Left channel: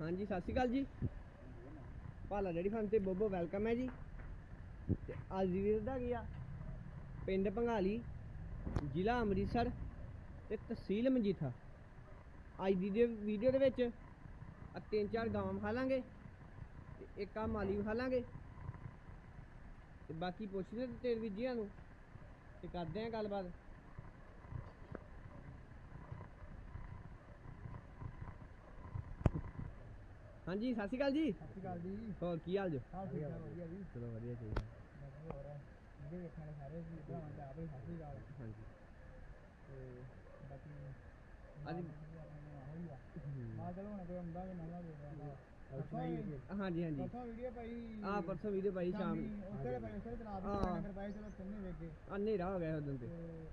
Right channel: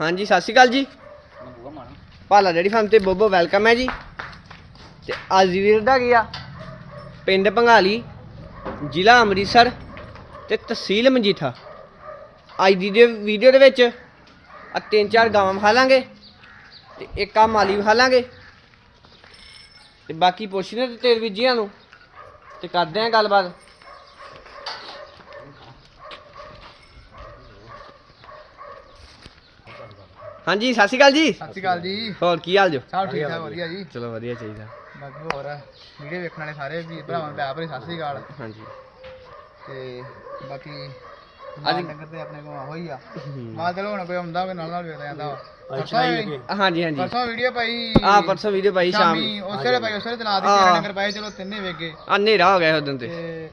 ਹਾਂਜੀ, ਸਤਿ ਸ਼੍ਰੀ ਅਕਾਲ ਜੀ। ਭਾਲਾ ਡੈਡੀ ਫਾਰਮ ਤੇ ਬੋਬੋ ਵੈਲਕਮ ਹੈ ਜੀ। ਤੇ ਅੱਜ ਦੀ ਵੀਰ ਦਾ ਗਿਆ ਪਿੰਡ ਭੰਗਾਲੀ ਜ਼ਿਲ੍ਹਾ ਅੰਮ੍ਰਿਤਸਰ ਤੇ ਤਹਿਸੀਲ ਮਜੀਠਾ। ਅੱਜ ਦੀ ਵੀਡੀਓ ਦੇ ਵਿੱਚ ਆ ਤਿੰਨ ਚਾਰ ਗਾਵਾਂ ਵਿਖਾ ਲਾਂਗੇ ਤੇ ਇੱਕ ਆ ਮਾਲੀ ਵਿਖਾ ਲਾਂਗੇ। ਤੇ ਬਾਕੀ ਪੁੱਛਣੇ ਤੇ ਤੇਰ ਵੀਜੀਆਂ ਨੂੰ। ਤੇ ਕਰਦੇ ਆਂ ਗੱਲਬਾਤ। ਹਾਂਜੀ ਸਤਿ ਸ਼੍ਰੀ ਅਕਾਲ ਜੀ। ਸਤਿ ਸ਼੍ਰੀ ਅਕਾਲ ਜੀ। ਹੋਰ ਕੀ ਹਾਲ ਜੋ? ਸਭ ਠੀਕ ਠਾਕ ਵਧੀਆ ਜੀ। ਚਲੋ ਵਧੀਆ ਚਾਹੀਦਾ। ਬਾਕੀ ਹੋਰ? ਵੀਡੀਓ ਵੇਖਣ ਵਾਲੇ ਸਾਰੇ ਵੀ ਭਰਾਵਾਂ ਨੂੰ ਪਿਆਰ ਭਰੀ ਸਤਿ ਸ਼੍ਰੀ ਅਕਾਲ। ਹਾਂਜੀ। ਤੇ ਬਾਕੀ ਅੱਜ- ਅੱਜ ਨਗਰ ਤੇ ਆਪਣੇ ਕੋਲ ਹੋਈ ਆ। ਮਾਲ ਚਲੋ ਹੁਣ ਕੋਈ ਆਉਂਦਾ ਕੋਈ ਨਾਲ ਨਾਲ ਵੇਖਦਾ ਜਾਂਦਾ ਵਾ ਹਾਂਜੀ ਹਾਂਜੀ। ਪਰਸੋਂ ਵੀਡੀਓ ਪਾਈ ਆ ਪਰਸੋਂ ਵੀਡੀਓ ਪਾਈ ਸ਼ਾਮ ਉਸੇ ਵੇਲੇ ਪਾਈ ਉਸੇ ਵੇਲੇ ਚਲਾ ਦਿੱਤੀ ਨਗਰ ਪਾਏ ਚਲੋ ਤਿੰਨੇ ਵੇਖ ਗਏ। ਆ ਹਨੇਰਾ ਹੋ ਗਿਆ ਉਦੋਂ ਤੇ। ਤੇ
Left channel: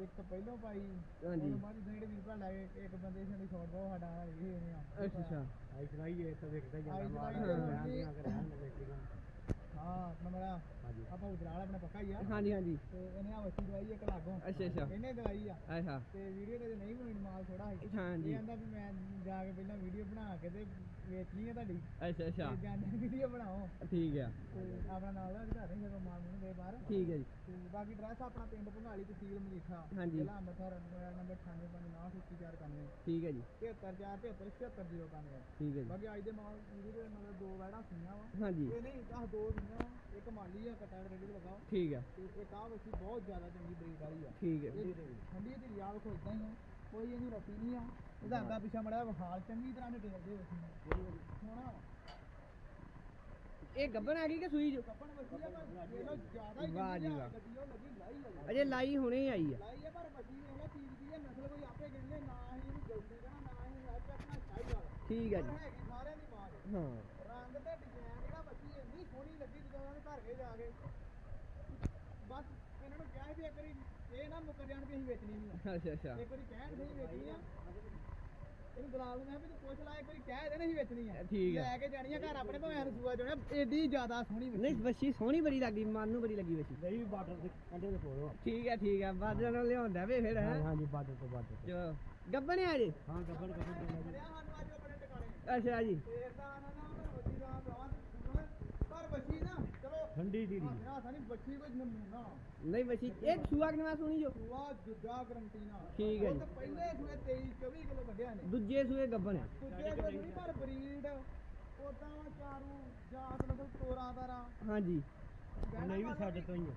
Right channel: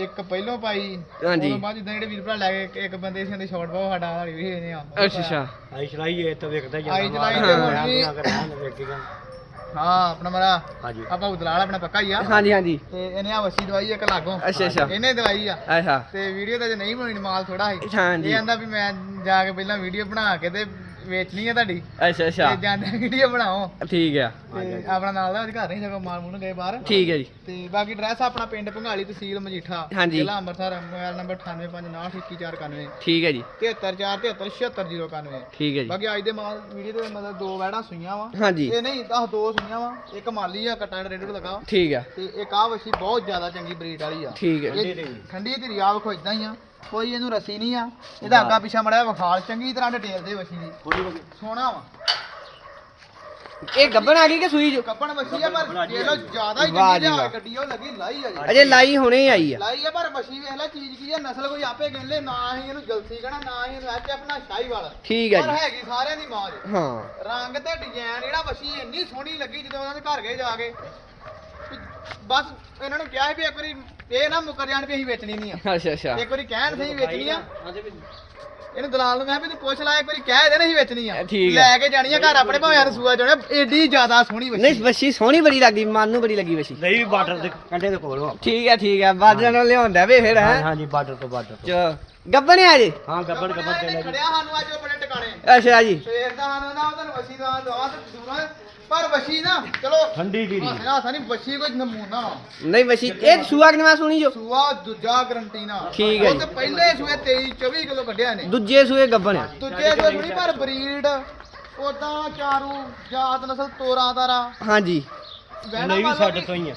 ਇੱਕ ਪਹਿਲੋਂ ਪਾਈ ਹਾਂਜੀ। ਉਦੋਂ ਬਾਅਦ ਜਿੱਦਾਂ ਜਿਹੜੇ ਵੀਰ ਭਰਾ ਲੈ ਗਏ ਇੱਕ ਬੰਦੇ ਸੀ ਦੇ ਸ਼ਾਰਟ ਬਹੁਤ ਸਾਡਾ ਹਾਲੀ ਵੀ ਇਹਨੇ ਆ ਅੱਛਾ ਅੱਛਾ। ਆਈ ਚਲਾਈ ਇਹ ਤਾਂ ਵੇਖਦਾ ਹੀ ਆਈ ਚਲਾਈ ਤੇ ਹੁਣ ਵੀ- ਹਾਂ ਆਪਣਾ ਮਰਾ ਹਾਂਜੀ। ਆਪਾਂ ਉਦਲਾਲ ਆਪਣਾ ਪੱਕਾ ਹੀ ਆ। ਹਾਂਜੀ ਹਾਂਜੀ। ਤੇ ਇਹਨੇ ਆ ਵਸੀ ਦਵਾਈ ਇੱਕ ਲਾਗੋਂ। ਅੱਛਾ ਅੱਛਾ। ਇਹਨੇ ਦਵਾਈ ਆ। ਅੱਛਾ ਤੇ ਵੀਡੀਓ ਤਾਂ ਜੇ ਨਹੀਂ ਬਣਾਉਣੀ ਮਾਲ ਥੋੜਾ ਸੀ। ਹਾਂਜੀ। ਇਹ ਕਹਿੰਦਾ ਵੀ ਮੈਂ ਜਾ ਕੇ ਪਹਿਲਾਂ ਵੀਡੀਓ ਬਣਾ ਕੇ ਤੇ ਵੇਚਣੀ ਆ ਤੁਹਾਡੀ। ਅੱਛਾ ਅੱਛਾ। ਤੇ ਜਾਂਦੇ ਵੀਡੀਓ ਬਣਾਓ। ਠੀਕ ਆ। ਤੇ ਆਪਣਾ ਨਾਲ ਦਾ ਘਰ ਨਹੀਂ ਸਗੋਂ ਮਾਲ ਮੂਲ ਗਏ ਬਾਹਰ। ਠੀਕ ਹੈ ਜੀ। ਤੇ ਬਾਕੀ ਐਡਰੈਸ ਆਪਣਾ ਪਿੰਡ ਭੰਗਾਲੀ ਤਹਿਸੀਲ ਮਜੀਠਾ ਹਾਂਜੀ। ਜ਼ਿਲ੍ਹਾ ਅੰਮ੍ਰਿਤਸਰ ਮੋਬਾਈਲ ਨੰਬਰ 9859211491 ਠੀਕ ਹੈ ਜੀ। 7343777691 ਠੀਕ ਹੈ ਜੀ। ਬਾਕੀ ਅੱਜ ਦੇ ਮਾਲ ਵੀਡੀਓ ਦੇ ਮਤਲਬ ਦੋ ਵੈੜਾਂ ਸੂਈਆਂ ਵਾ। ਹਾਂਜੀ। ਇਹ ਨਹੀਂ ਦਸ ਦੋ ਸੂਈਆਂ ਵਾ ਇੱਕ ਮਾਲੀ ਆ ਕਟਾ ਰੇਡ ਲਗਾ ਠੀਕ ਆ। ਤੇ ਇੱਕ ਆ ਵਛੀ ਬਹੁਤ ਜ਼ਿਆਦਾ ਚੰਗੀ ਬਰੀਡ ਵਾਲੀ ਆ। ਠੀਕ ਹੈ ਇਹ ਠੰਡੀ ਤੇ ਰਿਆ ਵੇਖੋ ਇਦਾਂ ਹੀ ਆ। ਕੋਈ ਇਹਨੂੰ ਰਸੀ ਨਹੀਂ ਆ। ਇਹਦਾ ਅੱਗਾ ਪਿਛਾ ਮੜਿਆ ਵਿਖਾਲ ਚੰਗੀ ਤਰ੍ਹਾਂ ਡਿਟੇਲ ਦੇ ਵਛੀ ਦੀ। ਸੋਹਣਾ ਵਾ। ਇਹ ਗੱਬਣ ਆ ਗਈ ਕਿ ਸੂਈ ਜੋ? ਕੱਪਣ ਵਛੀ ਆ ਪਰ ਜੇ ਲੋ ਜ਼ਿਆਦਾ ਹੀ ਵਾਹ। ਗੱਡੀ ਉਹ ਲੱਗੀ ਲਾਈ ਆ ਜੀ। ਅਜੇ ਲਾਈ ਹੁਣੇ ਹੀ ਆਈ ਆ। ਲਾਈ ਆ ਪਰ ਵਛੀ ਵੇਖ ਲੈ ਚੀਜ਼ ਕੀ ਆ ਨਸਲ ਕੋਈ ਆਪੇ ਗਿਣ ਲੈ ਨਾ ਹੀ ਇਹਨੂੰ ਜਲਸੀ ਕਹਣਾ ਨਾ ਹੀ ਇਹਨੂੰ ਐਚ ਆਪਣਾ ਸ਼ਾਹੀ ਵਾਲਾ। ਠੀਕ ਹੈ ਪਰ ਜੀ। ਹੈਗੀ ਸਾਰਿਆਂ ਦੀ ਮਾਂ ਜੀ ਹਾਂ। ਰੰਗ ਤੇ ਡਿਜ਼ਾਈਨ ਜਿਹੜਾ ਵਛੀ ਇੰਨੀ ਸੋਹਣੀ ਲੱਗੀ ਜਦੋਂ ਉਹਨਾਂ ਦੇ ਘਰ ਗਏ ਜਾ ਕੇ। ਵੀ ਬਸ ਇਹਨਾਂ ਨੂੰ ਕਿਹਾ ਸੀ ਵੀ ਇੱਕ ਵਾਰੀ ਇਹ ਨਾ ਮੁੱਕਰ ਜਾਣ ਵੀ ਅਸੀਂ ਵੇਚਣੀ ਨਹੀਂ ਆ। ਅੱਛਾ ਅੱਛਾ। ਇੱਕ ਵਾਰੀ ਕਹਿਣ ਸਹੀ ਵੇਚਣੀ ਆ। ਇਹਨੂੰ ਦਲਾਲ ਨੂੰ ਮੈਂ ਵੀ ਤੂੰ ਪੁੱਛ ਲੈ ਇੱਕ ਵਾਰੀ ਕਹਿ ਦੇ ਨਹੀਂ ਵੇਚਣੀ ਆ। ਠੀਕ ਆ। ਲੈ ਕੇ ਜਾਣੀ ਆ ਘਰ ਆਪਣੇ ਭਾਵੇਂ ਰਸੂਆ ਜਾਣਾ ਏਡੀ ਜ਼ਿਆਦਾ ਸੋਹਣੀ ਨਹੀਂ ਬੱਚੀ ਵੱਛੀ ਸੋਹਣੀ ਬੜੀ ਲੱਗਦੀ ਮਨ ਨੂੰ ਬੜੀ ਲੱਗੀ ਵੱਛੀ। ਨਹੀਂ ਬਾਰਡਰ ਦੇ ਕੰਡੇ ਦੇ ਕੋਲ। ਠੀਕ ਹੈ ਠੀਕ ਹੈ ਬਾਜਣ ਨੂੰ ਲਿਆਉਂਦਾ ਵੇ ਫਿਰ ਹਾਂ? ਹੈ ਹਾਂਜੀ ਬਾਰਡਰ ਤੋਂ ਬਾਰਡਰ ਤੋਂ। ਚ ਗੱਬਣ ਆ ਜੀ? ਹਾਂ ਗੱਬੜ ਗੱਬੜ ਦੇ ਲੈ ਜੀ। ਖੜਿਆ ਸਾਨੂੰ ਅੱਜ ਉਹ ਬੜੇ ਟਿਕਾਣੇ। ਅੱਛਾ ਜੀ। ਸਵੇਰ ਦਾ ਸਾਨੂੰ ਨਾ ਤੁਹਾਨੂੰ ਵਸੀ ਦਾ ਦਵਾ ਤੇ ਦੂਰਾ ਪਰ ਵਸੀ ਨਾ ਚਲੋ ਠੰਡੀ ਜੀਰੀ। ਹਾਸਾ ਹਾਸਾ ਨਹੀਂ ਵਸੀ ਕੋਈ ਨਮੂਨਾ। ਵਾ। ਨਹੀਂ ਵੱਛੀ ਇਹ ਸੂਆ ਕਿਨਵਾ ਸੁਣੀ ਜੋ? ਸੂਆ ਦੂਜਾ ਗਰੰਟੀ ਨਾ। ਠੀਕ ਹੈ ਉਹ ਤੇ ਪਹਿਲੇ ਸੂਏ 23 24 ਕਿਲੋ ਕੱਢਿਆ ਨੇ। ਦੂਜੇ ਸੂਏ ਗੱਬਣ ਆ। ਦੂਜੇ ਸੂਏ ਸੁਣੀ ਪਰ ਬਰੀਡ ਉਦਾਂ ਚਾਰੂ ਜਾਤ ਨਸਲ ਤੋਰਾ ਤਾਰਾ। ਹਾਂਜੀ। ਵਹਿਣਾ ਨਹੀਂ ਵੀ ਸਾਡੇ ਤੋਂ ਹੀ ਆ।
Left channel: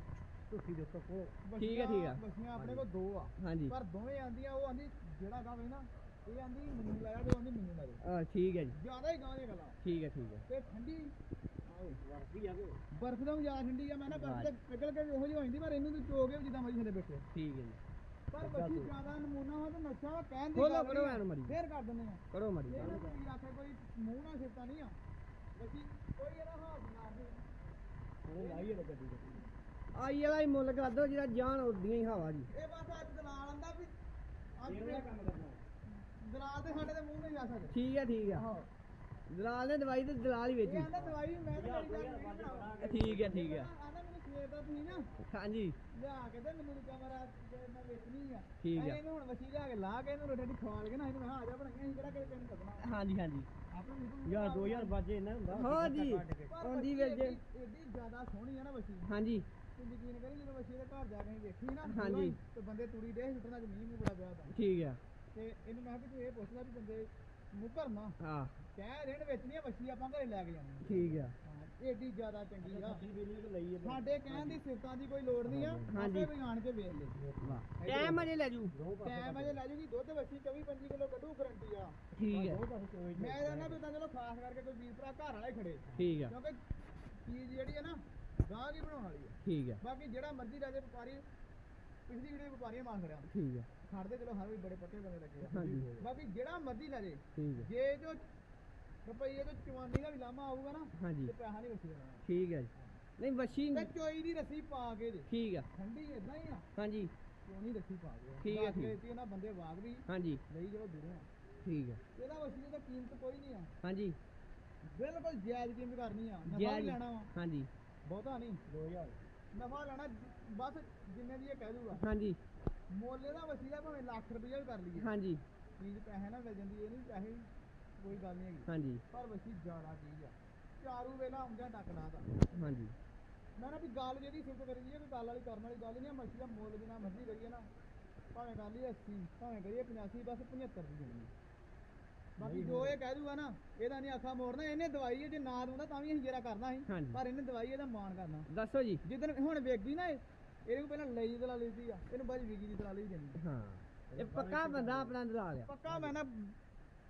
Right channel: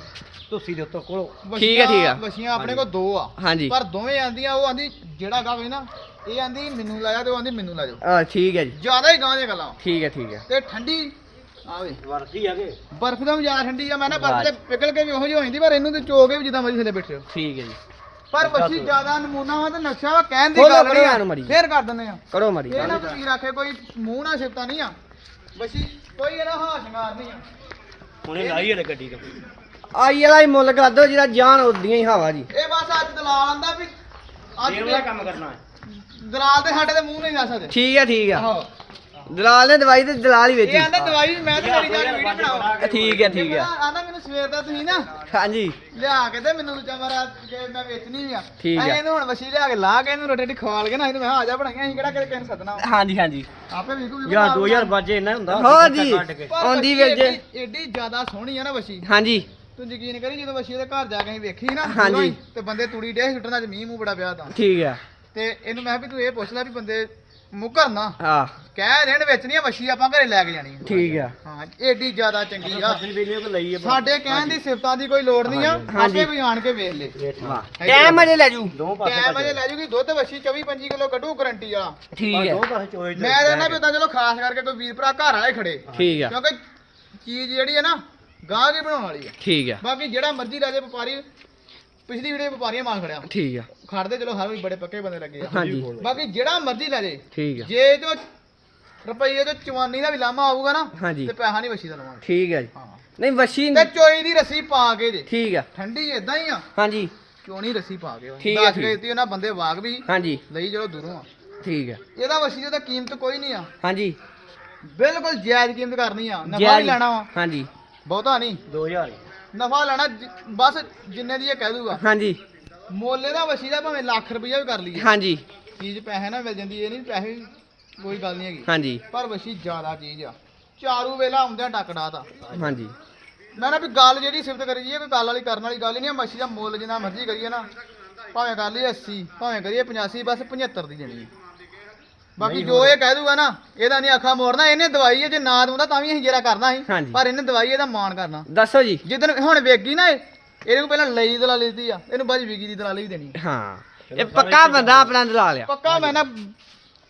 ਤੁਸੀਂ ਦੇ ਉੱਤੋਂ ਕੋਲੋਂ। ਠੀਕ ਹੈ, ਠੀਕ ਹੈ। ਵਛੀਆਂ ਆਪਣੇ ਕੋਲ ਦੋ ਆ। ਹਾਂਜੀ। ਪਰ ਦੋਵੇਂ ਆਂਦੀਆਂ ਉਹ ਆਂਦੀ ਜਿਹੜਾ ਗਾਵੇ ਨਾ ਇਹ ਆਂਦੀ ਮੈਨੂੰ ਲਾਇਆ ਤੇ ਉਹ ਆਂਦੀ ਮੈਨੂੰ ਲਾ ਜਾਓ। ਆ ਠੀਕ ਹੈ ਜੀ। ਜ਼ਿਆਦਾ ਹੀ ਗਾਂ ਦੀਆਂ ਗੱਲਾਂ। ਠੀਕ ਹੈ ਠੀਕ ਹੈ। ਤੇ ਠੰਡੀ ਆਵੇ ਵਰਦੀ ਆਗੇ ਬਰਫ਼ ਦਾ ਜ਼ਿਆਦਾ ਠੰਡੀ ਆ ਮੈਂ ਨਾ ਬਰਫ਼ ਤੇ ਪਿਘਲ ਕੇ ਵੀ ਉਹੋ ਜਿਹੀ ਹੋ ਜਾਂਦੀ ਪਰ ਇਹਨੂੰ ਤੇ ਚੋ ਕੇ ਵੀ ਜਿੱਦਾਂ ਮਰਜ਼ੀ ਥੱਲੇ ਬੈਠੇ ਹੋ। ਠੀਕ ਹੈ ਜੀ। ਪਰ ਵਛੀ ਜ਼ਿਆਦਾ ਨਮੂਨਾ ਵਾ ਤੇ ਨਕਸ਼ਾ ਵਾ ਕਹਿਣ ਦੀ ਖੋਲੋ ਗੱਲ ਨਹੀਂ ਐਨ ਮਰੀ। ਫੇਰ ਕਰ ਦਿੰਦੇ ਆ। ਕਰੋ ਮਾਰੀ। ਇਹ ਨਾ ਕੀ ਰੱਖੇ ਕੋਈ ਮੂੰਹ ਨਾਲ ਸਿਫਤਾਂ ਨਹੀਂ ਆ। ਵਛੀ ਕੋਈ ਇਹਦਾ ਹਾਸ਼ ਸ਼ਿੰਗਾਰ ਨਹੀਂ ਆ। ਹੁਣੇ ਲਾਈ ਹਲੇ ਗੱਡੀ ਤੇ। ਆਈ ਵਾਲਾ ਹੀ ਮੁੱਲ ਕਰ ਦੋ ਜਿਹੜਾ ਜਾਨ ਉਦੀਆਂ ਹੀ ਹਵਾ ਜੀ। ਇਹ ਬਸ ਅੱਜ ਦਲਾਲ ਆਂਦਾ ਵੀ ਅੱਜ ਵਾਲਾ ਕੰਮ ਕਰਨਾ ਹੈ। ਦਲਾਲ ਦੇ ਸਾਡੇ ਦੇ ਮੂੰਹ ਨਹੀਂ ਦੱਸ ਸਕਦੇ। ਠੀਕ ਹੈ ਠੀਕ ਹੈ। ਆਹੋ। ਦਲਾਲ ਨੇ ਦਵਾਈ ਤੇ ਦਲਾਲ ਹੀ ਇਹ ਵੇਚੀ ਆਂਦਾ ਦਵਾਈ ਮੈਂ ਤੇ ਮੇਰੀ ਜਾ ਕੇ ਵੀਡੀਓ ਬਣਾਓ ਠੀਕ ਹੈ ਠੀਕ ਹੈ। ਆਂਦਾ ਮੈਨੂੰ ਸਵੇਰ ਦਾ ਤੁਸੀਂ ਨਾ ਹਾਂਜੀ। ਲਿਆ ਕੇ ਤੇ ਮੈਨੂੰ ਦੂਜਾ ਮਾਰਾ ਕਿ ਮੈਂ ਵੇਚਣੀ ਆ। ਠੀਕ ਆ। ਅਸੀਂ ਇਹਨੂੰ ਹੁਣ ਵਸੀ ਲਿਆ ਕੇ ਲਾ ਕੇ ਇਹਨੂੰ ਰੋਟੀ ਖਵਾਲ ਕੇ ਨਾ ਇਹਨੂੰ ਮੈਂ ਆ ਜਾ ਬਣਾਈਆਂ ਅਸੀਂ ਕਿਹੜਾ ਕਿਸੇ ਨੂੰ ਸੱਦਣਾ। ਹਾਂਜੀ ਹਾਂਜੀ। ਆਪੇ ਵੀ ਕੋਈ ਯਾਰ 2000 ਬਾਜੇ ਇੰਨਾ ਹੁੰਦਾ ਹੋ ਜੀ। ਆਉਂਦੀ ਵੀਰ ਜੇ ਏਡੀ ਜ਼ਿਆਦਾ ਸੋਹਣੀ ਆ ਨਾ ਵਸੀ ਹਾਂਜੀ। ਤੂੰ ਯਕੀਨ ਕਰੀ ਜਦੋਂ ਵਸੀ ਦੇ ਘਰ ਜਾ ਕੇ ਅਸੀਂ ਵੇਖੀ ਨਾ ਹਾਂਜੀ। ਹੀ, ਤੇ ਬੰਦੇ ਤੂੜੀ ਡੇ ਸੁੱਟਣਾ ਚ ਮੀਂਹ ਮੂੰਹ ਬੜਾ ਪਿਆ ਤਾਂ ਠੀਕ ਹੈ ਤੇ ਇਹਨੂੰ ਮੈਂ ਕਿਹਾ ਵੀ ਤੂੰ ਇਹ ਪੁੱਛ ਲੈ ਵੀ ਬੰਦੇ ਮੁੱਕਰ ਨਾ। ਹਾਂ ਕਹਿ ਦੇਣ ਵੇਚਣੀ ਆ ਵਸੀ ਆਪਾਂ ਘਰੇ ਲੈ ਕੇ ਜਾਣੀ ਆ। ਠੀਕ ਹੈ ਹਾਂ ਏਡੀ ਜ਼ਿਆਦਾ ਚੰਗੀ ਆ। ਸਾਡੇ ਕਹਿਣ ਦੀ ਸਿਫਤਾਂ ਦੀ ਕੋਈ ਲੋੜ ਨਹੀਂ ਆ। ਆਪੇ ਕੋਈ ਆਣ ਕੇ ਵੇਖ ਲੈ। ਵਾਹ। ਟਾਈਮ ਅਜੇ ਲੈ ਜੂ। ਟਾਈਮ ਅਜੇ ਲੈ ਜੂਗੀ। ਦੁੱਧ ਵਸੀ 24 25 ਕਿਲੋ ਕੱਢੂ ਗਰੰਟੀ ਵਾਲਾ ਠੀਕ ਹੈ। ਦੋ ਪਾਸੇ ਚੋਏ ਮੈਂ ਕਹਿੰਦਾ ਵੀ ਉਦਾਂ ਚਲੋ ਖਾਸ ਕਰਕੇ ਕੋਈ ਵੀਰ ਭਰਾ ਘਰ ਵਾਲੇ ਖੜੇ। ਠੀਕ ਹੈ ਕਿਉਂਕਿ ਚੀਜ਼ ਜਿਹੜੀ ਹੈ ਨਾ ਗਾਹ ਕੇ ਬਣਾਉਣ ਵਾਲੀ ਆ। ਠੀਕ ਹੈ ਬਾਕੀ ਜਿਹੜਾ ਮਰਜ਼ੀ ਲੈ ਜੇ ਵਪਾਰੀ ਪਿਛਲੀ ਵੀਡੀਓ ਵਪਾਰੀਆਂ ਮਾਲ ਖੜਿਆ। ਠੀਕ ਹੈ ਖੜਦੇ ਚਲੋ ਹਰ ਕੋਈ ਬੜੇ ਪੱਕੇ ਬੰਦੇ ਲੱਗੇ ਆ। ਹਾਂਜੀ। ਬਾਕੀ ਜਿਹੜਾ ਮਰਜ਼ੀ ਲੈ ਜੇ। ਠੀਕ ਹੈ ਜੇ ਜੋ ਰੁਪਈਏ ਤੋਂ ਚਵਾਨੀ ਦਾ ਵੀ ਲਾਮਾ ਆਊਗਾ ਨਾ ਹਾਂਜੀ। ਤੇ ਪੈਸਾ ਨਹੀਂ ਵਸੀ ਦਾ ਲਵਾਂਗੇ। ਠੀਕ ਹੈ ਜੀ। ਨਹੀਂ ਵਸ਼ੀ ਤੇ ਚੋਈ ਦੀ ਰੱਸੀ ਪਾ ਕੇ ਜੇ। ਠੀਕ ਹੈ ਠੰਡੀ ਇਦਾਂ ਹੀ ਆ। ਹਾਂਜੀ। ਚੋਣੀ ਰੱਸੀ ਪਾ ਕੇ। ਠੀਕ ਆ, ਦੱਸ ਠੀਕ। ਕੇ ਦਿੱਤੀ ਉਹਨਾਂ ਬੰਦੇ ਵਾਗ ਵੀ ਹਾਂਜੀ। ਲਈ ਜਦੋਂ ਦੂਰੋਂ ਆ। ਠੀਕ ਹੈ ਇਹਦਾ ਵਸੀ ਦਾ ਕੀਮਤ ਕੋਈ ਨਹੀਂ ਆ। ਹਾਂਜੀ। ਬਿਲਕੁਲ ਜਾਇਜ਼ ਕੀਮਤ ਕਰਨੀ ਆ। ਨਫਾ ਵੀ ਲੈਣਾ ਵਾ। ਹਾਂਜੀ। ਬਹੁਤਾ ਨਹੀਂ 2000 ਨਫਾ ਲੈਣਾ ਜ- ਬਸ ਜਿੰਨੇ ਦੀ ਇਹ ਕਹਿ ਦੂਗਾ। ਹਾਂਜੀ। ਮੋਲੇ ਦਾ ਵਸੀ ਦਾ ਭਾਵੇਂ ਲੱਖ ਰੁਪਈਆ ਵੀ ਕਰ ਲਈਏ। ਹਾਂਜੀ। ਚੀਜ਼ ਪੈਸੇ ਨਾਲ ਮਿਲ ਜਾਂਦੀ ਇਹ ਨਹੀਂ ਪੈਸੇ ਕੋਈ ਗੱਲ ਨਹੀਂ ਹੈਗੀ। ਹਾਂਜੀ। ਪਰ ਵਸ਼ੀ ਜ਼ਿਆਦਾ ਚੀਜ਼ ਆ। ਚਾਰੂ ਵੇਲਾ ਆਉਂਦਿਆਂ ਡੱਕੜਾ ਤਾਂ। ਹਾਂਜੀ। ਮੈਂ ਨਾ ਵੀ ਗੱਲ ਜਿਹੜੀ ਸਿਫਤ ਕਰੀ ਜੀ ਕੋਈ ਗੱਲ ਵਾਲੀ ਕਰਨ ਵਾਲੀ ਗੱਲ ਹੀ ਨਹੀਂ ਆ ਮੱਛੀ ਦਾ ਮੁੱਲ ਜਿੰਨਾ ਮਰਜ਼ੀ ਕਰੀਏ ਨਾ। ਭਾਵੇਂ ਕਰ ਲਈਏ 80 ਭਾਵੇਂ ਕਰੀਏ 85 ਬਸ 75 ਦੀ ਦੇਣੀ ਹੈ ਬਾਕੀ ਜੋ ਇਹ ਕਹਿ ਦੂਗਾ ਨਾ ਇਹਦਾ ਨਹੀਂ ਅੱਖਾਂ ਮੋੜਨਾ ਇਹਨੇ ਦਵਾਈ ਹੈ ਜੇ ਨਾ ਦਉਂਦਾ ਤਾਂ ਵੀ ਅਸੀਂ ਜਰਾ ਕਰਨਾ ਸੀ। ਹਾਂਜੀ। ਪਰ ਇਹਨੇ ਦਵਾਈ ਇਹਦਾ ਮਾਣ ਕਰਨਾ। ਦੱਸੋ ਜੀ। ਜਿੱਦਣ ਹੁਣ ਵੇਗੀ ਨਾ ਇਹ ਇਹਦੇ ਕੋਲ ਪਹਿਲਾਂ ਲਈ ਦਲਾਲੀ ਦਿੱਤੀ ਆ ਇਹਨੂੰ ਬਾਅਦ 'ਚ ਵਿਗੀ ਦੀ ਦਲਾਲੀ ਵੀ ਦੇਣੀ ਆ। ਹਾਂ। ਇਹ ਪੱਕਾ ਬੰਦਾ ਆਪਣਾ ਦਲਾ ਲਿਆ ਪੱਕਾ ਮੈਂ ਨਾ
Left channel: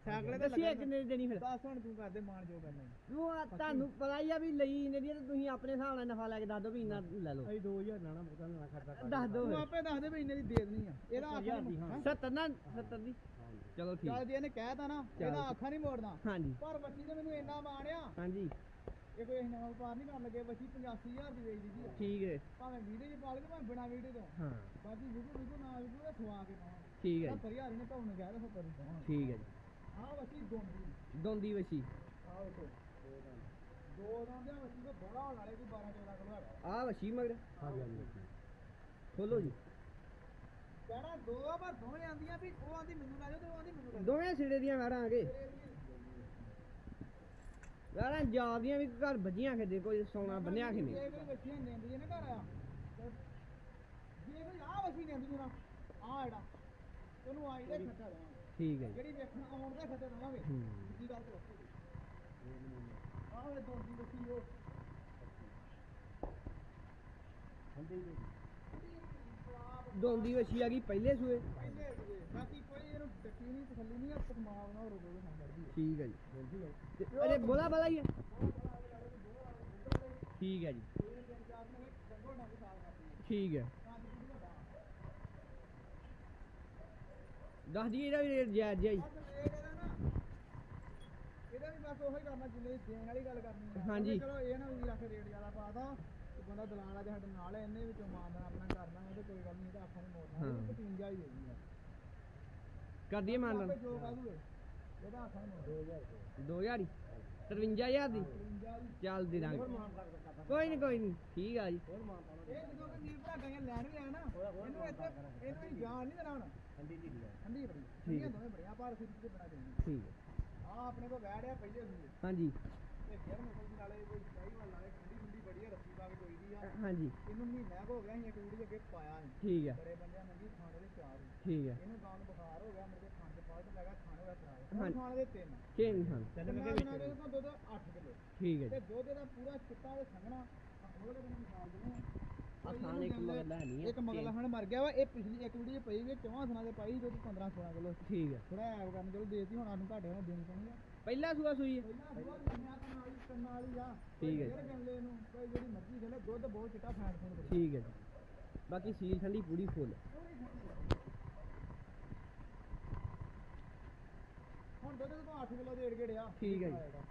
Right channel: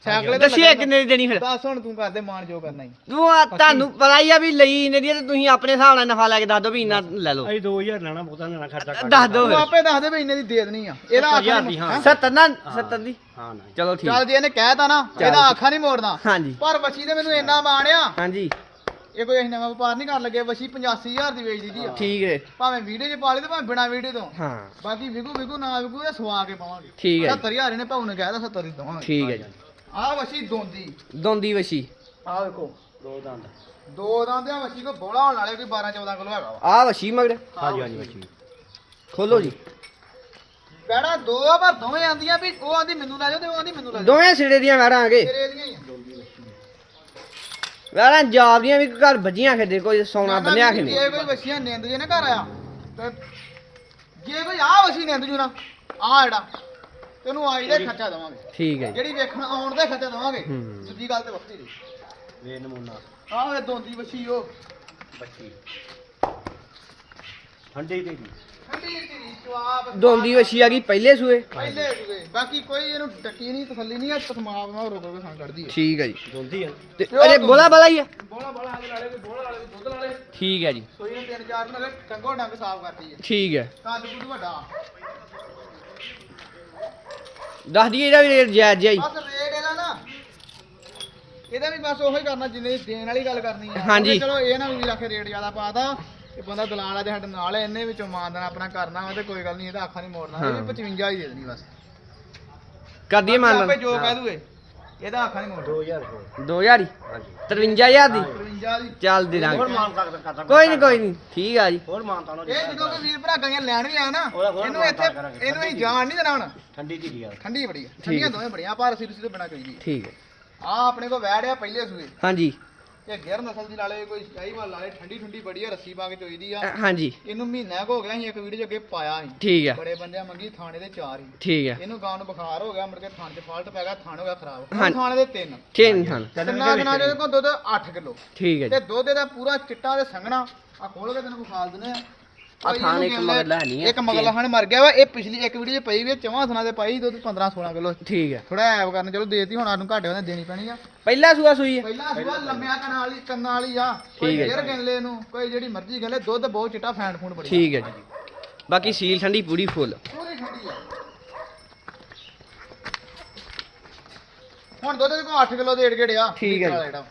ਸਾਈਕਲ ਤੇ ਦੱਸੀਏ ਕਿੰਨੇ ਦੀ ਦੇਣੀ ਫਿਰ? ਦੱਸ ਹੁਣ ਤੂੰ ਕਰਦੇ ਮਾਣ ਜੋ ਕਰਨਾ ਹੀ। ਤੂੰ ਆ- ਤੁਹਾਨੂੰ ਪਤਾ ਹੀ ਆ ਵੀ ਲਈ ਇਹਨੇ ਦੀ ਆ ਤੇ ਤੁਸੀਂ ਆਪਣੇ ਹਿਸਾਬ ਨਾਲ ਨਫਾ ਲੈ ਕੇ ਦੱਸ ਦਿਓ ਵੀ ਇੰਨਾ ਲੈ ਲਓ। ਅਸੀਂ 2000 ਲੈਣਾ ਬਹੁਤਾ ਲੈਣਾ ਖਰਚਾ ਕਰ ਦੱਸ ਦਿਓ। ਤੂੰ ਫਿਰ। ਆਪੇ ਦੱਸ ਦੇ ਵੀ ਇੰਨੇ ਦੀ ਦੇ ਦੇਣੀ ਆ। ਇਹਦਾ ਦੀ, ਹਾਂ। 70 ਨਾ 70 ਦੀ। ਹਾਂ ਨਹੀਂ। ਚਲੋ ਠੀਕ। ਚੱਲ ਜੇ ਇਹਨੇ ਕਹਿਤਾ ਨਾ ਇਹਦਾ ਆਖਾ ਨਹੀਂ ਮੋੜਨਾ। ਹਾਂਜੀ। ਪਰ ਵਸ਼ੀ ਨੇ ਮੈਨੂੰ ਇੰਨਾ ਮਾਣਿਆ ਹਾਂਜੀ। ਇਹ ਕੋਈ ਅਸੀਂ ਨਵਾਂ ਵਪਾਰ ਨਹੀਂ ਕਰਨ ਲੱਗੇ ਵਸ਼ੀ 85000 ਦੀ ਵੇਚ ਦਿੱਤੀ ਆ। ਠੀਕ ਹੈ ਭਾਵੇਂ ਵੀਡੀਓ 'ਚ ਪਾ ਲਈ ਤੇ ਭਾਵੇਂ ਬਿਨਾ ਵੀਡੀਓ ਤੋਂ। ਹਾਂ। ਬਾਕੀ ਵਿਕੂ ਵਿਕੂ ਨਾ ਵਿਕੂ ਇਹ ਸਵਾ ਕੇ ਪਾਵਾਂਗੇ। ਠੀਕ ਹੈ ਜੀ, 70000 ਇਹਨੇ ਭਾਉ ਨੇ ਕਹਿਦਾ 70 ਦੀ ਦਵਾਂਗੇ। ਠੀਕ ਹੈ ਜੀ। ਵਸ਼ੀ ਦੋਂਦੀ। ਦੋਂਦੀ ਵਸ਼ੀ। ਆਹ ਵੇਖੋ। ਦੋ ਦੰਦ। ਦੋ ਦਾਂਦਿਆਂ ਵਸ਼ੀ ਕੋ ਬੋਲਾ ਹੋਣ ਵਾਲੇ ਕੋਈ 12 14 ਕਿਲੋ ਹੈਗਾ ਵਾ। ਆ ਵਸ਼ੀ ਮਗਰ। ਹਾਂਜੀ ਹਾਂਜੀ ਖੋਲੋ ਜੀ। ਕਹਿਣਾ ਦੋ ਆ ਪਰ ਦੋਵੇਂ ਆਂਦੀਆਂ ਵੀ ਉਹ ਆਂਦੀ ਮੈਨੂੰ ਲੈ ਜਾਓ ਤੇ ਉਹ ਆਂਦੀ ਮੈਨੂੰ ਲੈ ਜਾਓ। ਦੋਵੇਂ ਸਿਰੇ ਦੀਆਂ ਵੈੜਾਂ ਆਗੇ ਤੇਰੇ ਦੀਆਂ ਹੀ ਆ। ਵੈੜਾਂ ਜਾਪਦੀਆਂ ਵੀ ਘਰ ਵੱਜੀਆਂ ਖੇਦੇ ਕੋਈ ਸੋਨਾ ਬੰਨਿਆ ਖੇਨੇ ਜੇ ਕੋਈ ਵਸ਼ੀਆਂ ਨਿੰਦ ਜੇ ਨਾ ਘਰ ਆਇਆ ਤੇ ਜੇ ਕੋਈ ਆ ਵਸ਼ੀ ਨਿੰਦ ਜੂ ਨਾ ਆ ਜਿਹੜਾ ਤੈਨੂੰ ਆਈ ਦੇ ਖਰਚਾ ਦਵਾਂਗੇ। ਠੀਕ ਹੈ ਜੀ। ਜਿਹੜੀ ਵੇਖਣ ਆਉਣ ਦੇ ਖਰਚਾ ਦਵਾਂਗੇ ਹੂੰ। ਦੂਜੀ ਗੱਲ ਤੇ ਵੱਖਰੀ ਦੀ ਵੇ ਨਮੂਨਾ। ਆਹ ਇਹ ਦੋਂਦੀ ਵਸ਼ੀ ਉਹ। ਬੱਚੀ ਠੰਡੀ ਧੀਰੀ ਜਵਾਬ ਦੋਂਦੀ ਵਸ਼ੀ ਆ ਗਈ ਪਹਿਲੇ ਸੂਏ। ਪਹਿਲੇ ਜੁਗੇ ਬਾਕੀ ਕੋਈ ਇਹਨੂੰ ਟੱਕੀ ਨਹੀਂ ਤਸੱਲੀ ਨਹੀਂ ਆ ਤਸਮਾਬ ਨਾਲ ਰੋਕ ਰੋਕ ਖਾਂ ਕੱਢਦੀ ਹੈ। ਠੀਕ ਹੈ ਜੀ। ਦੋਂਦੀ ਆ। ਤੇ ਅਰੇ ਬੋਲਾ ਬਲਾ ਹੀ ਆ? ਬੋਲਾ ਬੋਲਾ ਆਲੇ ਲਾਲੇ ਕੋਈ ਬੋਲਾ ਵਾਲੇ ਕੋਈ ਦੁੱਧ ਵਾਲੇ ਠੀਕ ਹੈ ਜੀ। ਸੋਈ ਨੇ ਤਿੰਨ ਚਾਰ ਨਾਲ ਟੰਗੋ ਡੰਗ ਸਾਫ਼ ਕਰਦੀ ਹੈ। ਠੀਕ ਹੈ। ਕੱਦ ਕੁੱਦ ਵੱਡਾ। ਦੱਸ ਦਈਏ ਇਹਦਾ ਵੀ ਰੇਟ ਜਾਇਜ਼ ਹੀ। ਬਸ ਰੇਟ ਇਹਦਾ ਨਾ ਇਹਦਾ ਵੀ ਬਸ ਉਹੀ ਕਰਨਾ ਜਿੰਨੇ ਦੇਣ ਵਾਲੀ ਗੱਲ ਕਰਨੀ ਆ। ਹਾਂਜੀ। ਚਲੋ ਇਹ ਨਾ ਵੀ ਆਖੇ ਰੇਟ ਜ਼ਿਆਦਾ ਪਾਤਾ ਇਹ ਬੰਦਾ ਦਲਾਲ ਆ ਜੇ ਸਾਡੇ ਨਾਲ ਇਹਨੇ ਵਿੱਚੋਂ ਮਾਨਦਾਨ ਆਪਣਾ ਕਰਨਾ ਵਾ ਤੇ ਕੋਈ ਗੱਲ ਨਹੀਂ ਇਹਦਾ ਅੱਖਾਂ ਨਹੀਂ ਮੋੜਨਾ। ਇਹ ਹਾਂ। ਵੀ 55 ਹੀ ਦੇ ਦੇਣੀ ਬਸ। ਕਰ ਦਈਏ ਮੰਨ ਆਪੇ ਜੋ ਕਹਿ ਦੂਏ। ਇਹਦਾ ਅੱਖਾਂ ਨਹੀਂ ਮੋੜਨਾ। 2000 ਹੋਰ 2000 ਹੀ? ਹਾਂਜੀ। 53000 ਦੀ? 55 ਦੀ। ਚੱਲ ਦੇ ਹੋਰ ਦਾਂਗੇ ਮਾਨ ਕਰ ਕਰਦਾ ਕੋਈ ਨਹੀਂ ਕੋਈ ਨਹੀਂ ਠੀਕ ਆ ਜੀ। ਹੋਰ ਮਾਨ ਤਾਂ ਇਹ ਜਦੋਂ ਕੋਈ ਵੀਰ ਭਰਾ ਗਾਈਆਂ ਲੈਣ ਵੀ ਆਇਆ ਨਾ ਉਹਦਾ ਹੋਰ ਇਹਨੂੰ ਇੱਥੇ ਮਾਨਤਾਨ ਕਰਾਂਗੇ। ਇਹਨੂੰ ਅਸੀਂ ਜਾਣ ਨਹੀਂ ਦੇਣਾ ਹੁਣ। ਠੰਡੀ ਦੀ ਯਾਰ ਠੰਡੀ ਬੜੀ ਆ। ਠੰਡੀਆਂ ਦੋਵੇਂ ਬੜੀਆਂ ਪਰ ਸਿਰ ਸਿਰ ਬਣਾ ਕਰੀ ਦੀ ਠੀਕ ਹੈ ਆ ਆਪਣੇ ਕੋਲ ਵੈੜ ਆ ਪਹਿਲੇ ਸੂਏ। ਹਾਂਜੀ। ਇਹ ਗਿਰ ਨਸਲ ਦੀ ਲਾਲੇ ਕੋਈ ਸ਼ਾਹੀਵਾਲ ਲਾਲੇ ਠੰਡੀ ਠੰਡੀ ਬੜੀ ਆ ਰੱਸੀ ਪਾ ਕੇ ਚੋਈ ਦੀ ਆ। ਅ, ਹਾਂਜੀ। ਇਹਨੂੰ ਮਹੀਨਾ ਕੁ ਹੋ ਗਿਆ ਸੀ ਇੱਕ ਵੀਡੀਓ 'ਚ ਅੱਗੇ ਪਾਇਆ ਸੀ। ਠੀਕ ਹੈ ਬੜੇ ਬੰਦਿਆਂ ਮੰਗੀ ਥਾਣੇ ਦੇ ਚਾਰ ਹੀ। ਠੀਕ ਹੈ ਇਹਨੂੰ ਗਾਂ ਨੂੰ ਬੁਖਾਰ ਹੋ ਗਿਆ ਮੁੜ ਕੇ ਥਾਣੇ 'ਚ ਫਾਲਟ ਪੈ ਗਿਆ ਥਾਣ ਹੋ ਗਿਆ ਖਰਾਬ। ਹੁਣ ਹਾਂਜੀ। ਥਾਣੇ ਦੇ ਤਿੰਨ। ਛੇਨ ਥਣ। ਤਿੰਨਾਂ ਦਿਨਾਂ ਦੇ ਕੋਲ ਦੁੱਧ 8 ਕਿਲੋ। ਠੀਕ ਹੈ ਤੇ ਜੀ ਦੁੱਧ ਇਹਦਾ ਪੂਰਾ ਚਿੱਟਾ ਤੇ ਸੰਘਣਾ। ਆ ਖੋਲ ਕੇ ਤੈਨੂੰ ਵਿਖਾਲ ਦਿੰਦੇ ਆ। ਆਹ ਥਾਣ ਇੱਕ ਮਗਰਲਾ ਹੈ ਨਹੀਂ ਆ। ਇੱਕ ਹਣ ਮਰ ਗਿਆ ਵਾ ਇਹ ਪਿਛਲੀ ਇੱਕ ਵੀਡੀਓ 'ਚ ਪਈ ਵੀ ਆ, ਚੌਵਾਂ ਥਣਾ ਦੇ ਪਾਈ ਦੁੱਧ 15 16 ਕਿਲੋ ਠੀਕ ਹੈ ਥੋੜਾ ਐਬ ਕਰਨ ਚਲੋ ਦੇਤੀ ਹੁਣ ਸਾਨੂੰ ਘਾਟੇ ਉਹਨੇ ਦੇਣੀ ਪੈਣੀ ਆ। ਪਹਿਲਾ ਸੂਆ ਸੂਈ ਹੈ ਪਹਿਲਾਂ ਸੁਆ ਲੰਮਿਆ ਕੰਨਾਂ ਵਾਲੀ ਕੰਨਾਂ ਵਾਲੀ ਆ। ਕੋਈ ਠੀਕ ਹੈ ਫੇਰ ਗਿਣਲੇ ਨੂੰ ਕੋਈ ਜਿਹੜੀ ਮਰਜ਼ੀ ਗਿਣ ਲੈ ਦੁੱਧ ਬਹੁਤ ਚਿੱਟਾ ਫੈਂਟ ਬੜੀ ਠੀਕ ਹੈ ਜੀ। ਬਾਕੀ ਸੀਲ ਠੰਡੀ ਪੂਰੀ ਫੁੱਲ। ਪੂਰੀ ਠੰਡੀ ਆ। ਹੁਣ ਦੁੱਧ ਦੇ ਕੋਲ 8 ਕਿਲੋ ਦੇ ਏੜ ਆ ਠੀਕ ਹੈ ਜੀ। ਵਾਲਾ ਜਿਹੜਾ।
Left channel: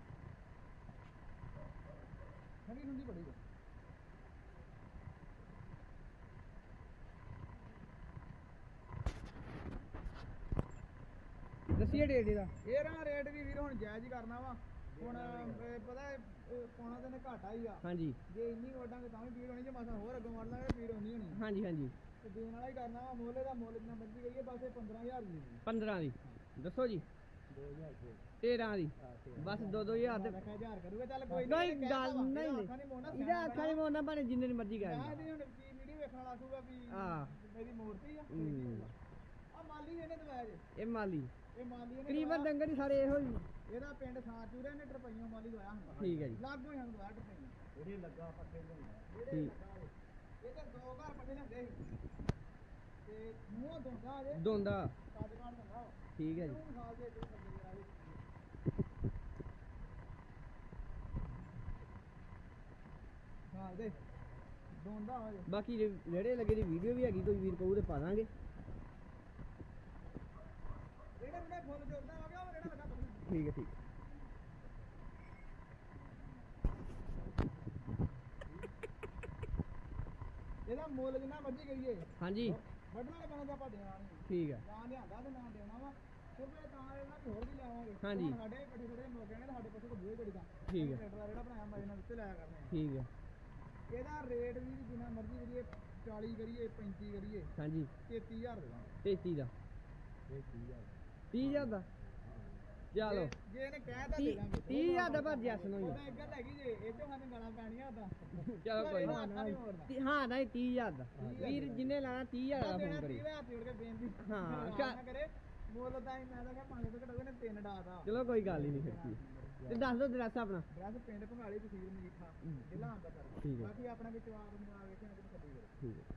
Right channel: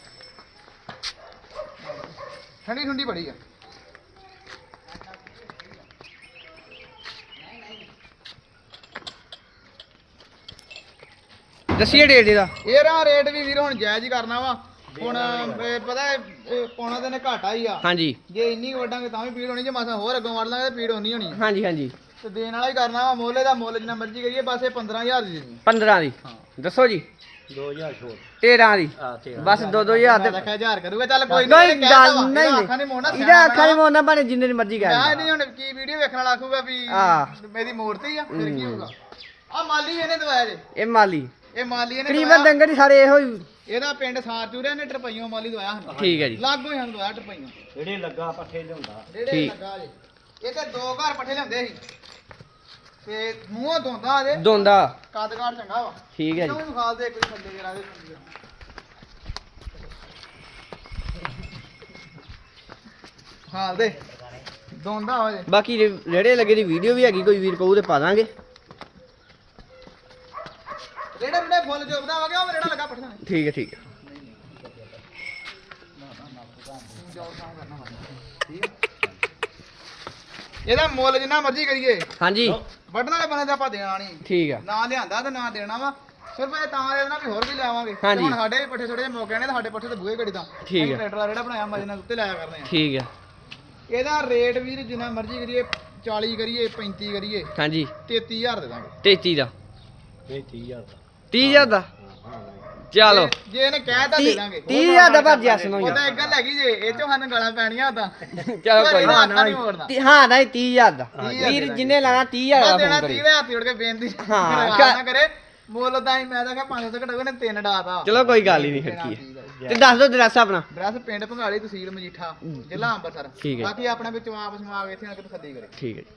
ਠੰਡੀ ਠੰਡੀ ਬੜੀ ਆ। ਦੱਸੀਏ ਡੇਟ ਇਹਦਾ? ਇਹਦਾ ਰੇਟ ਵੀ ਵੀਰ ਹੁਣ ਜਾਇਜ਼ ਹੀ ਕਰਨਾ ਵਾ। ਹੁਣ ਇਹ ਪਤਾ ਹੈ, ਇਹ ਪੌਣਾ ਦਿਨ ਘਾਟਾ ਹੀ ਆ। ਹਾਂਜੀ। ਜੇ ਇੰਨੀ ਵੱਡਾਂਗੇ ਤਾਂ ਵੀ ਪੀੜ ਹੋਣੀ ਜੇ ਮਾਸਾ ਹੋਰ ਅੱਗੋਂ ਵੜ ਲਾਂਗੇ ਤਾਂ ਪੀੜ ਹੋਣੀ ਹੋਣੀ। ਹਾਂਜੀ ਹਾਂਜੀ। ਤੇ ਦੇਣ ਵਾਲਾ ਹੀ ਕਰਨਾ ਵਾ ਮੁੱਲ ਦਾ ਮੁੱਲ ਜਿੰਨਾ ਮਰਜ਼ੀ ਕਰੀਏ ਬਸ ਇਹ 15000 ਦੀ ਦੇਣੀ 15 ਦੀ। ਦੱਸੋ ਜੀ। 2000 ਛੋੜ 13 ਦੀ। ਆ ਤੇ ਬਸ 2-2000 ਮੈਂ ਦੇ ਰੱਖਿਆ 1000 ਕਰੂਗਾ। ਚੱਲ ਕੋਈ ਨਹੀਂ ਗੱਲ ਨਹੀਂ। ਅੱਖਾਂ ਨਹੀਂ ਮੋੜਨਾ ਇਹਦਾ ਅੱਖਾਂ ਨਹੀਂ ਮੋੜਨਾ ਭਾਵੇਂ ਜਿੰਨੇ ਦੀ ਮਰਜ਼ੀ ਮੈਂ ਕਹਿ ਨਹੀਂ ਹੁਣ ਕੀ ਵੀਡੀਓ ਵੇਖਣ ਵਾਲਾ ਆਖੂਗਾ ਵੀ ਹਾਂ। ਮੇਰੀ ਮੂਰਤੀ ਆ ਫਿਰ ਕੀ। ਹੋਊਗਾ। ਆ ਮਾਲੀ ਇਹਨੇ ਦਵਾਇਆ ਜੇ। ਇਹ ਮਾਲੀ। ਇਹ ਮਾਲੀ ਇਹਨੇ ਤਕਰੀਬਨ ਦਵਾਇਆ। ਡੰਗਰ ਹੀ ਸਾਰੇ ਇਹੋ ਹੀ। ਇਹਦਾ ਪਿੰਡ ਸਾਰ ਚੂਰਿਆ ਨੇ ਟਰਪਈਓ ਮਾਲੀ ਦਵਾਇਆ ਸਾਨੂੰ। ਠੀਕ ਹੈ ਜੀ। ਲਾਗੋ ਹੀ ਸਾਨੂੰ ਦਵਾਇਆ ਟਰਪਈਓ। ਜਿਹੜੇ ਲੱਗਾ ਪੱਠੇ ਲਿਆਉਂਦਾ। ਜਿਹੜੇ ਠੀਕ। ਲੱਗਾ ਜੇ ਇਹ ਤੇ ਦੋ ਘਰ ਪੱਠੇ ਲਿਆਉਂਦੇ ਸੀ। ਤੇ ਮੂੰਹੋਂ ਦੋਂਦਾ ਇਹਦੇ ਦੋਂਦਾ ਕੱਦਗਾੜ ਚੰਗਾ ਵਾ। ਠੀਕ ਹੈ ਜੀ। ਇਹਨੂੰ ਵਿਖਾਲ ਦੇ ਕੋਈ ਥੱਲੇ ਜਰਾ ਦੇ ਹਾਲ ਦੇ। ਦੋਂਦਾ ਹੋ ਜੇ ਬਾਕੀ ਰੇੜੇ ਲੱਗੇ ਦੀ ਵੀਡੀਓ ਵੀ ਹੈਗੀ ਕੋਈ ਵੀਰ ਕਹੂ ਤੇ ਪਾ ਦਾਂਗੇ। ਰੇੜਾ ਰੇੜਾ ਫੁੱਲ ਜੋਬਦਾ ਹੋ ਗਿਆ ਉਹ ਰੇੜਾ ਲੱਗਾ ਪੱਠਾ? ਠੀਕ ਹੈ ਠੀਕ ਹੈ। ਇਹਦਾ ਮੁੱਲ ਜਿੰਨਾ ਮਰਜ਼ੀ ਕਰੀਏ। ਹਾਂਜੀ। ਵੱਢਣ ਵਾਲੇ ਬੰਦੇ ਦਾ ਆਪਾਂ ਦੇਣਾ ਨਹੀਂ। ਠੀਕ ਹੈ ਨਾ ਲਿਆਂਦਾ ਤੇ ਨਾ ਦੇਣਾ ਵਾ। ਸਿਰਫ ਇਹ ਤਾਂ ਦੇ ਦੇਣਾ ਵੀ ਹੋਰ ਵੀ ਲਿਆਵਾਂਗੇ। ਤੇ ਹਾਂਜੀ। ਹੁਣ ਸਾਡੇ ਵੀ ਪੱਠੇ ਥੋੜੇ ਜਿਹੇ ਮੌਕੇ ਨੇ ਤੇ ਸਾਡੇ ਪੱਠੇ ਤੇ ਬੂਹੇ ਘੜੀ ਦਾ ਠੀਕ ਹੈ। ਟਰੈਕਟਰ ਦਾ ਰੇੜਾ ਬਣਾਇਆ ਮਜੇ ਨਾਲ ਉੱਤੇ ਲਾਇਆ ਕਰਨੇ ਆ। ਠੀਕ ਹੈ ਇਹਦਾ ਰੇਟ ਵੀਰ ਜਿੰਨਾ ਮਰਜ਼ੀ ਕਰੀਏ 40 ਕਰੀਏ 35 ਕਰੀਏ। ਹਾਂਜੀ। 33000 ਦੇ ਦਾਂਗੇ। 33 ਦਾ। ਇਹ 30000 ਦਾ। 30000 ਦਾ। ਚਲੋ। ਜੇ ਇਹਨੇ ਕਹਿਤਾ ਦੇ ਦਾਂਗੇ। 30000 ਦਾ ਪਰ ਜੈਸ ਨੂੰ ਉਹਦਾ ਇੱਕ ਗੱਲ ਹੈਗੀ ਜੇ ਇਹ ਚੋਂ ਸਾਨੂੰ ਗਾਲਾਂ ਪੈਣੀਆਂ ਉਦਾਂ ਚਲੋ ਕੋਈ ਨਾ। ਨਹੀਂ ਮੋੜਨਾ। ਤੀ- ਹਾਂ ਨਹੀਂ 30000 ਦਾ। ਹਜ਼ਾਰ ਵੀਰ ਦਾ। ਜਿੰਨੇ ਲਾਣਾ 30000 ਬਸ ਦਾ ਦੇਣਾ ਫੋਨ 30 ਕਰੀ ਦੇ ਹੱਥ ਜੋੜ ਕੇ ਬੇਨਤੀ। ਹਾਂ, ਨਾ ਕਰੇ। ਮੁੱਲ ਤਾਂ ਹੀ ਮੈਂ ਤਾਂ ਕਿਹਾ 500 ਘਟੋ ਨੇ ਤਿੰਨ ਡਾਤਾ। ਚਲੋ ਕੋਈ ਗੱਲ ਹੀ ਨਹੀਂ ਫਿਰ ਕੀ ਹੈ ਤੇ ਦੱਸ ਦਿਓ ਐਡਰੈਸ ਆਪਣਾ। ਡਰੈਸ ਪਿੰਡ ਭੰਗਾਲੀ ਤਹਿਸੀਲ ਮਜੀਠਾ ਜ਼ਿਲ੍ਹਾ ਅੰਮ੍ਰਿਤਸਰ। ਠੀਕ ਹੈ। ਬਾਕੀ ਆਪਣੇ ਵਿੱਚ ਵਾਪਸ ਮਾਗ ਇੱਥੇ ਆ ਕੇ ਤਸੱਲੀ ਕਰੇ। ਠੀਕ ਹੈ ਜੀ।